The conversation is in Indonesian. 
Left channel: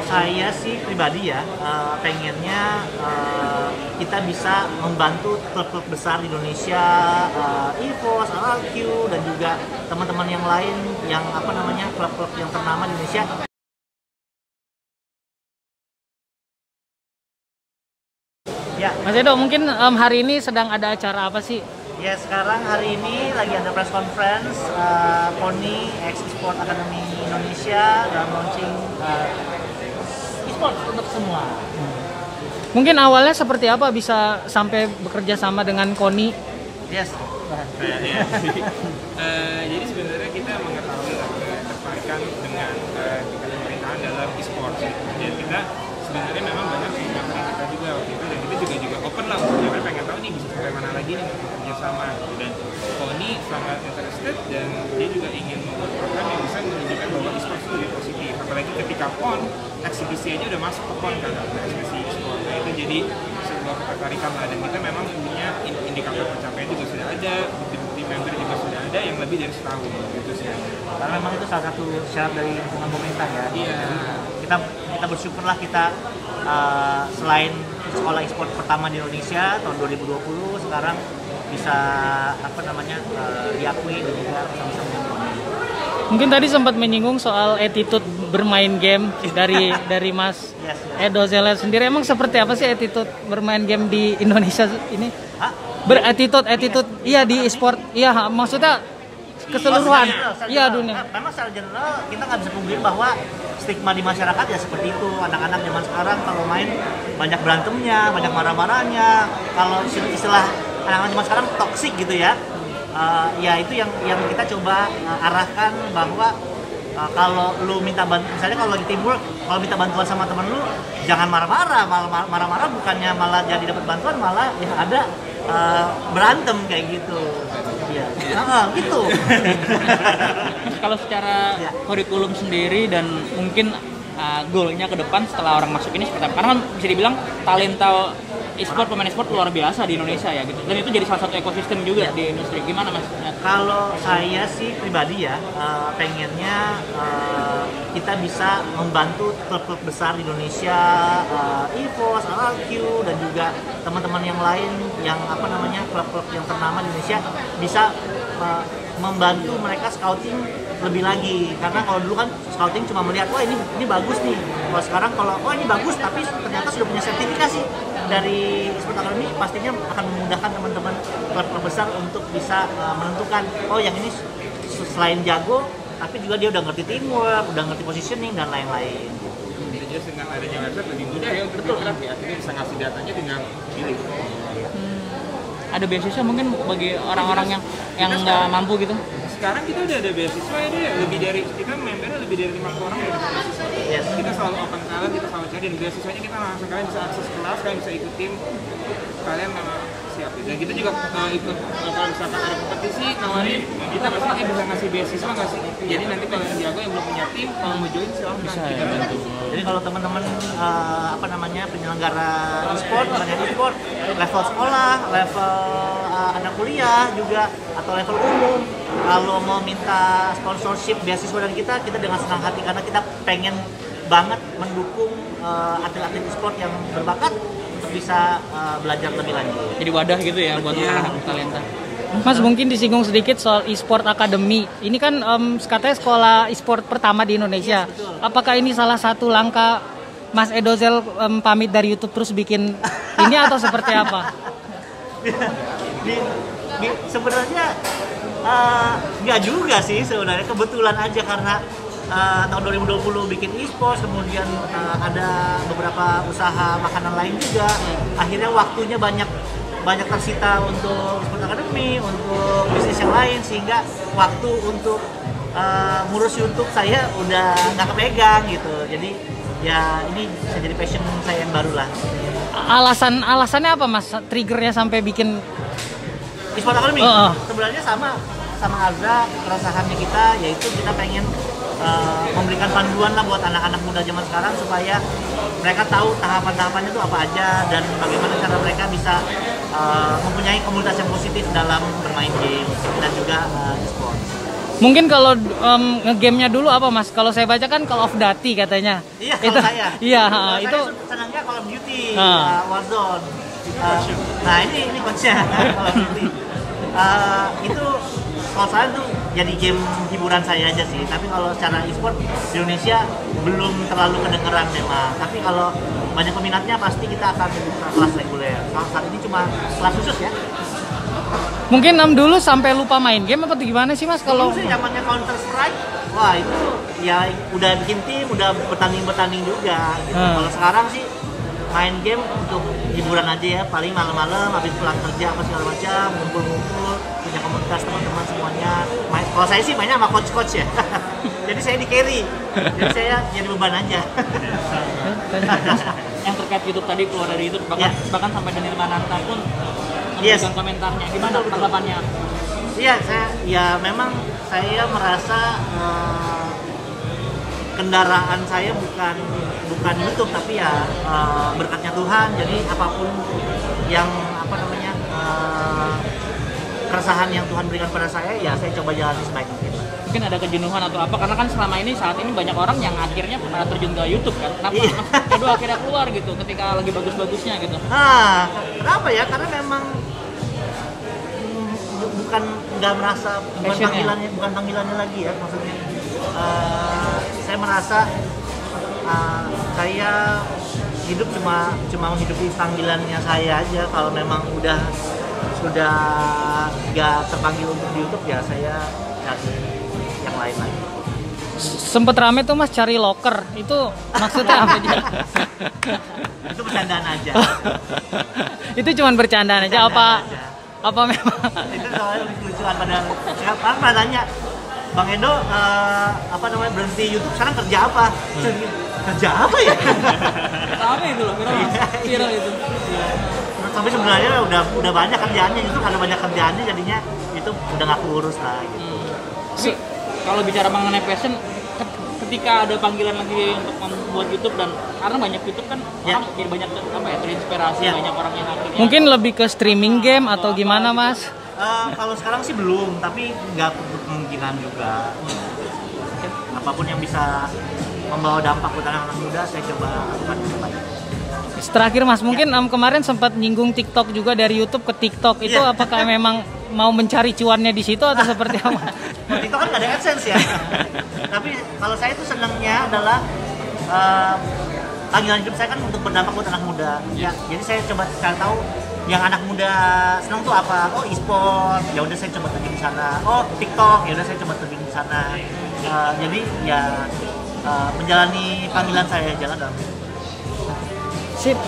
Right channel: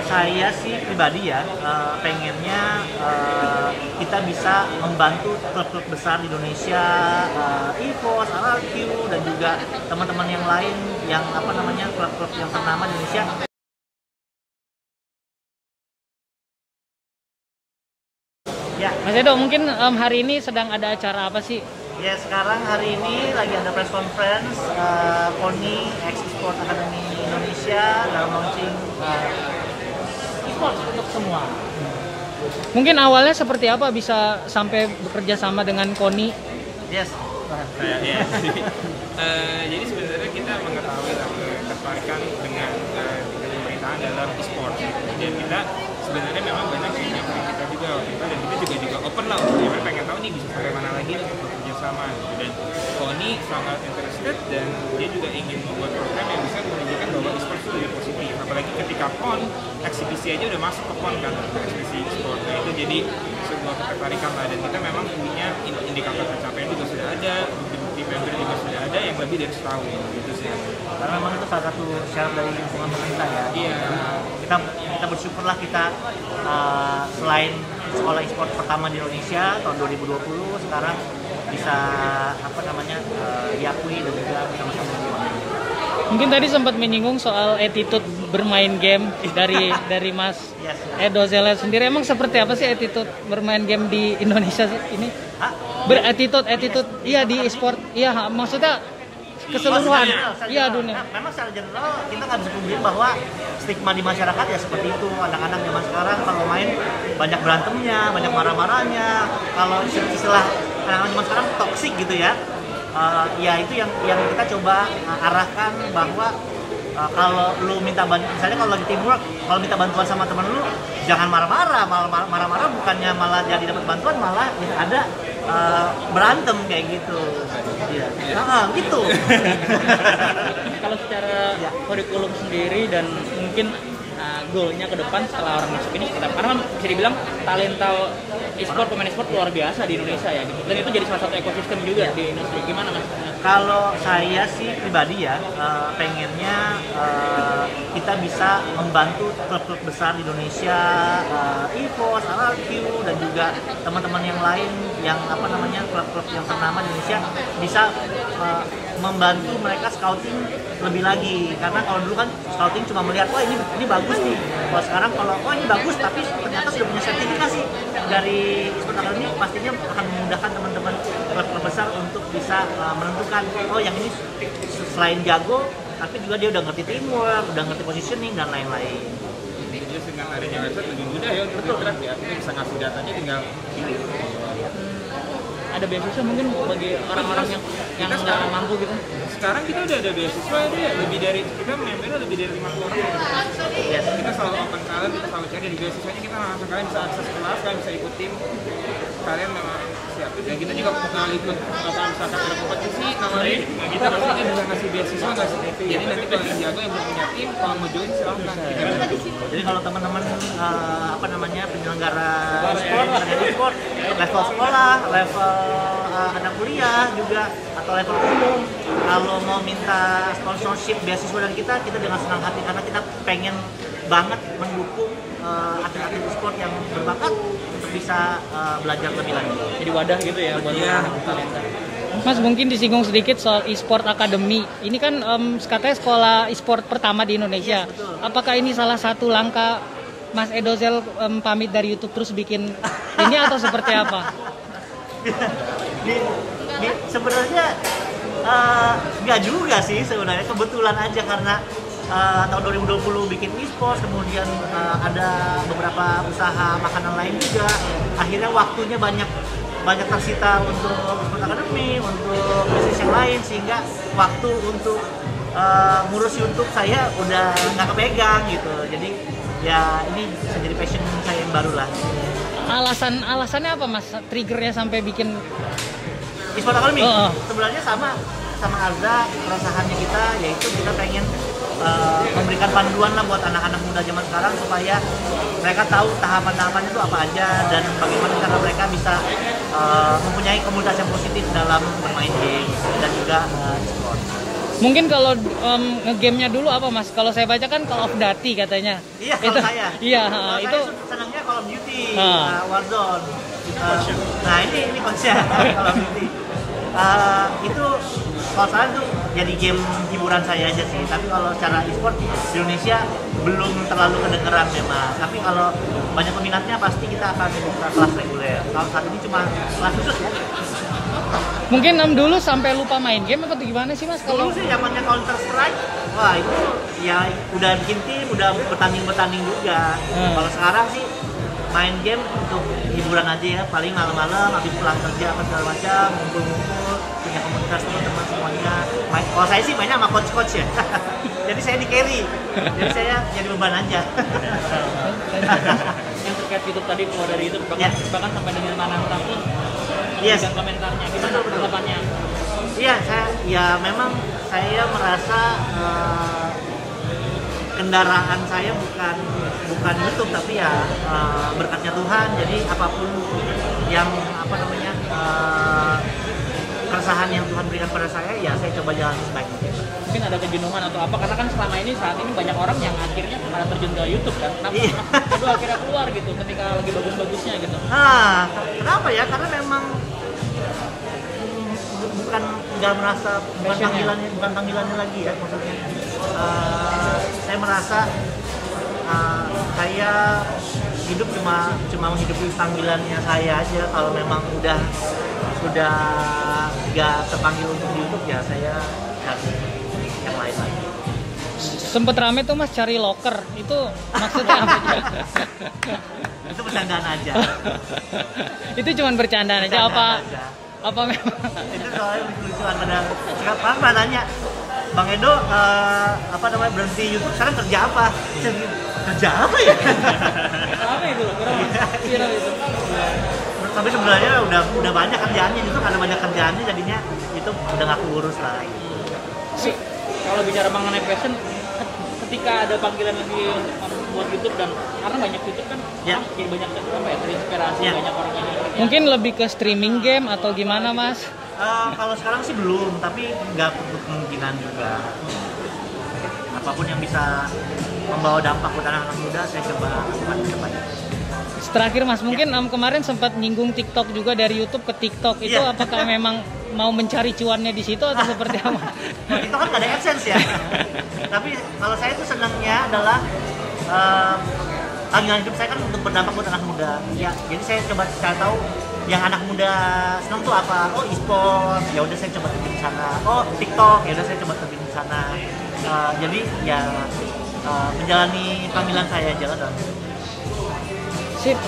Saya sih pribadi ya, pengennya kita bisa membantu klub-klub besar di Indonesia, EVOS, RRQ, dan juga teman-teman yang lain yang klub-klub yang ternama di Indonesia. Ya, Mas Edo, mungkin hari ini sedang ada acara apa sih? Ya, sekarang hari ini lagi ada press conference KONI X Sport Academy Indonesia dalam launching e-sport untuk semua. Mungkin awalnya seperti apa bisa sampai bekerja sama dengan KONI? Yes. Jadi sebenarnya kita mengetahui ketertarikan dengan tingkat pemerintahan dalam e-sport. Dan kita sebenarnya memang banyak yang nyamperin kita juga waktu itu, dan kita juga open lah untuk nyamperin, pengen tahu nih bisa sampai mana lagi nih untuk bekerja sama gitu. Dan KONI sangat interested, dan dia juga ingin membuat program yang bisa menunjukkan bahwa e-sport itu lebih positif. Apalagi ketika PON, eksibisi aja udah masuk ke PON kan, eksibisi e-sport. Nah itu jadi sebuah ketertarikan lah, dan kita memang punya indikator pencapaian juga sudah ada, bukti-bukti member juga sudah ada yang lebih dari setahun gitu sih. Karena memang itu salah satu syarat dari lingkungan pemerintah ya. Iya. Kita bersyukurlah kita selain sekolah e-sport pertama di Indonesia tahun 2020, sekarang bisa diakui dan juga bersama-sama dengan. Mungkin tadi sempat menyinggung soal attitude bermain game dari Mas Edo Zeller sendiri. Emang seperti apa sih attitude bermain game di Indonesia ini? Attitude iya di e-sport. Iya, maksudnya keseluruhan. Iya, dunia. Memang secara general kita nggak bisa pungkiri bahwa stigma di masyarakat ya seperti itu. Anak-anak zaman sekarang kalau main banyak berantemnya, banyak marah-marahnya. Kalau istilah anak-anak zaman sekarang toksik gitu ya. Ya itu yang kita coba arahkan bahwa kalau lu minta bantuan, misalnya kalau lagi teamwork, kalau minta bantuan sama temen lu jangan marah-marah, marah-marah bukannya malah jadi dapat bantuan, malah yang ada berantem kayak gitu. Iya. Gitu. Kalau secara kurikulum sendiri dan mungkin goalnya ke depan setelah orang masuk ini sekitar, karena bisa dibilang talenta e-sport, pemain e-sport luar biasa di Indonesia ya gitu, dan itu jadi salah satu ekosistem juga di industri. Gimana Mas? Kalau saya sih pribadi ya, pengennya kita bisa membantu klub-klub besar di Indonesia, EVOS, RRQ, dan juga teman-teman yang lain yang klub-klub yang ternama di Indonesia bisa membantu mereka scouting lebih lagi. Karena kalau dulu kan scouting cuma melihat, wah ini bagus nih. Kalau sekarang kalau ini bagus tapi ternyata sudah punya sertifikasi dari e-sport academy, pastinya akan memudahkan teman-teman klub besar untuk bisa menentukan, oh yang ini selain jago tapi juga dia udah ngerti teamwork, udah ngerti positioning dan lain-lain. Intinya dengan adanya website lebih mudah ya untuk berinteraksi, artinya bisa ngasih datanya tinggal pilih. Ada beasiswa mungkin bagi orang-orang yang nggak mampu gitu? Sekarang kita udah ada beasiswa ya, kita membernya lebih dari 50 orang udah dapat beasiswa. Yes. Kita selalu open talent, kita selalu cari, dan beasiswanya kita langsung, kalian bisa akses kelas, kalian bisa ikut tim, kalian memang siap. Dan kita juga ikut misalkan ada kompetisi nawarin, kita pastinya bisa ngasih beasiswa nggak sih. Jadi nanti kalau yang jago yang belum punya tim, kalau mau join silahkan kita bantu. Jadi kalau teman-teman penyelenggara e-sport, e-sport, level sekolah, level anak kuliah juga, atau level umum, kalau mau minta sponsorship beasiswa dan kita dengan senang hati, karena kita pengen banget mendukung atlet-atlet e-sport yang berbakat untuk bisa belajar lebih lanjut. Jadi wadah gitu ya buat anak talenta. Mas, mungkin disinggung sedikit soal e-sport academy. Ini kan katanya sekolah e-sport pertama di Indonesia. Apakah ini salah satu langkah Mas Edo Zel pamit dari YouTube terus bikin ini atau seperti apa? Sebenarnya nggak juga sih sebenarnya, kebetulan aja karena tahun 2020 bikin e-sport, kemudian ada beberapa usaha makanan lain juga, akhirnya waktunya banyak tersita untuk e-sport academy, untuk bisnis yang lain, sehingga waktu untuk ngurus YouTube saya udah nggak kepegang gitu. Jadi ya ini bisa jadi passion saya yang baru lah. Alasannya apa Mas? Triggernya sampai bikin e-sport academy? Sebenarnya sama Azza, keresahannya kita yaitu kita pengen memberikan panduan lah buat anak-anak muda zaman sekarang supaya mereka tahu tahapan-tahapannya itu apa aja dan bagaimana cara mereka bisa mempunyai komunitas yang positif dalam bermain game dan juga e-sport. Mungkin kalau nge-game-nya dulu apa Mas? Kalau saya baca kan Call of Duty katanya. Iya, kalau saya. Iya, kalau itu saya senangnya Call of Duty, Warzone. Nah, ini coachnya Call of Duty. Itu kalau saya tuh jadi game hiburan saya aja sih. Tapi kalau secara e-sport di Indonesia belum terlalu kedengeran memang. Tapi kalau banyak peminatnya pasti kita akan buka kelas reguler. Kalau saat ini cuma kelas khusus ya. mungkin dulu sampai lupa main game atau gimana sih Mas? Kalau Dulu sih zamannya Counter Strike, wah itu ya udah bikin tim, udah bertanding juga. Gitu. Kalau sekarang sih main game untuk hiburan aja ya, paling malam-malam habis pulang kerja apa segala macam, ngumpul-ngumpul, punya komunitas teman-teman semuanya. Kalau saya sih mainnya sama coach-coach ya. Jadi saya di carry, jadi saya jadi beban aja. Yang terkait YouTube tadi keluar dari YouTube bahkan sampai Daniel Mananta pun Yes. komentarnya gimana tanggapannya? Iya, memang saya merasa kendaraan saya bukan YouTube tapi ya berkatnya Tuhan. Jadi apapun yang keresahan yang Tuhan berikan pada saya, ya saya coba jalani sebaik mungkin. Mungkin ada kejenuhan atau apa, karena kan selama ini saat ini banyak orang yang akhirnya pernah terjun ke YouTube kan, kenapa akhirnya keluar gitu ketika lagi bagus-bagusnya gitu. Kenapa ya? Karena memang nggak merasa bukan panggilannya lagi ya, maksudnya saya merasa saya hidup cuma menghidupi panggilannya saya aja. Kalau memang sudah nggak terpanggil untuk di YouTube ya saya cari yang lain lagi. Sempet rame tuh Mas cari locker, itu maksudnya apa? Itu bercandaan aja. Itu cuma bercandaan aja apa memang? Itu soalnya lucu-lucuan pada nanya, Bang Edo berhenti YouTube sekarang kerja apa? Kerja apa ya? Apa itu? Viral itu. Tapi sebenarnya udah banyak kerjaannya, itu karena banyak kerjaannya jadinya itu udah nggak urus lah gitu. Tapi kalau bicara mengenai passion, ketika ada panggilan lagi buat YouTube dan karena banyak YouTube kan jadi banyak terinspirasi banyak orang yang akhirnya. Mungkin lebih ke streaming game atau gimana Mas? Kalau sekarang sih belum, tapi nggak kemungkinan juga. Apapun yang bisa membawa dampak buat anak-anak muda saya coba lakukan ke depannya. Terakhir Mas, mungkin kemarin sempat nyinggung TikTok juga, dari YouTube ke TikTok. Itu apakah memang mau mencari cuannya di situ atau seperti apa? TikTok kan nggak ada AdSense ya. Tapi kalau saya itu senangnya adalah panggilan hidup saya kan untuk berdampak buat anak muda. Ya, jadi saya coba cari tahu yang anak muda senang tuh apa. Oh, e-sport. Ya udah saya coba terjun di sana. Oh, TikTok. Ya udah saya coba terjun di sana. Jadi ya menjalani panggilan saya jalan dalam. Sip.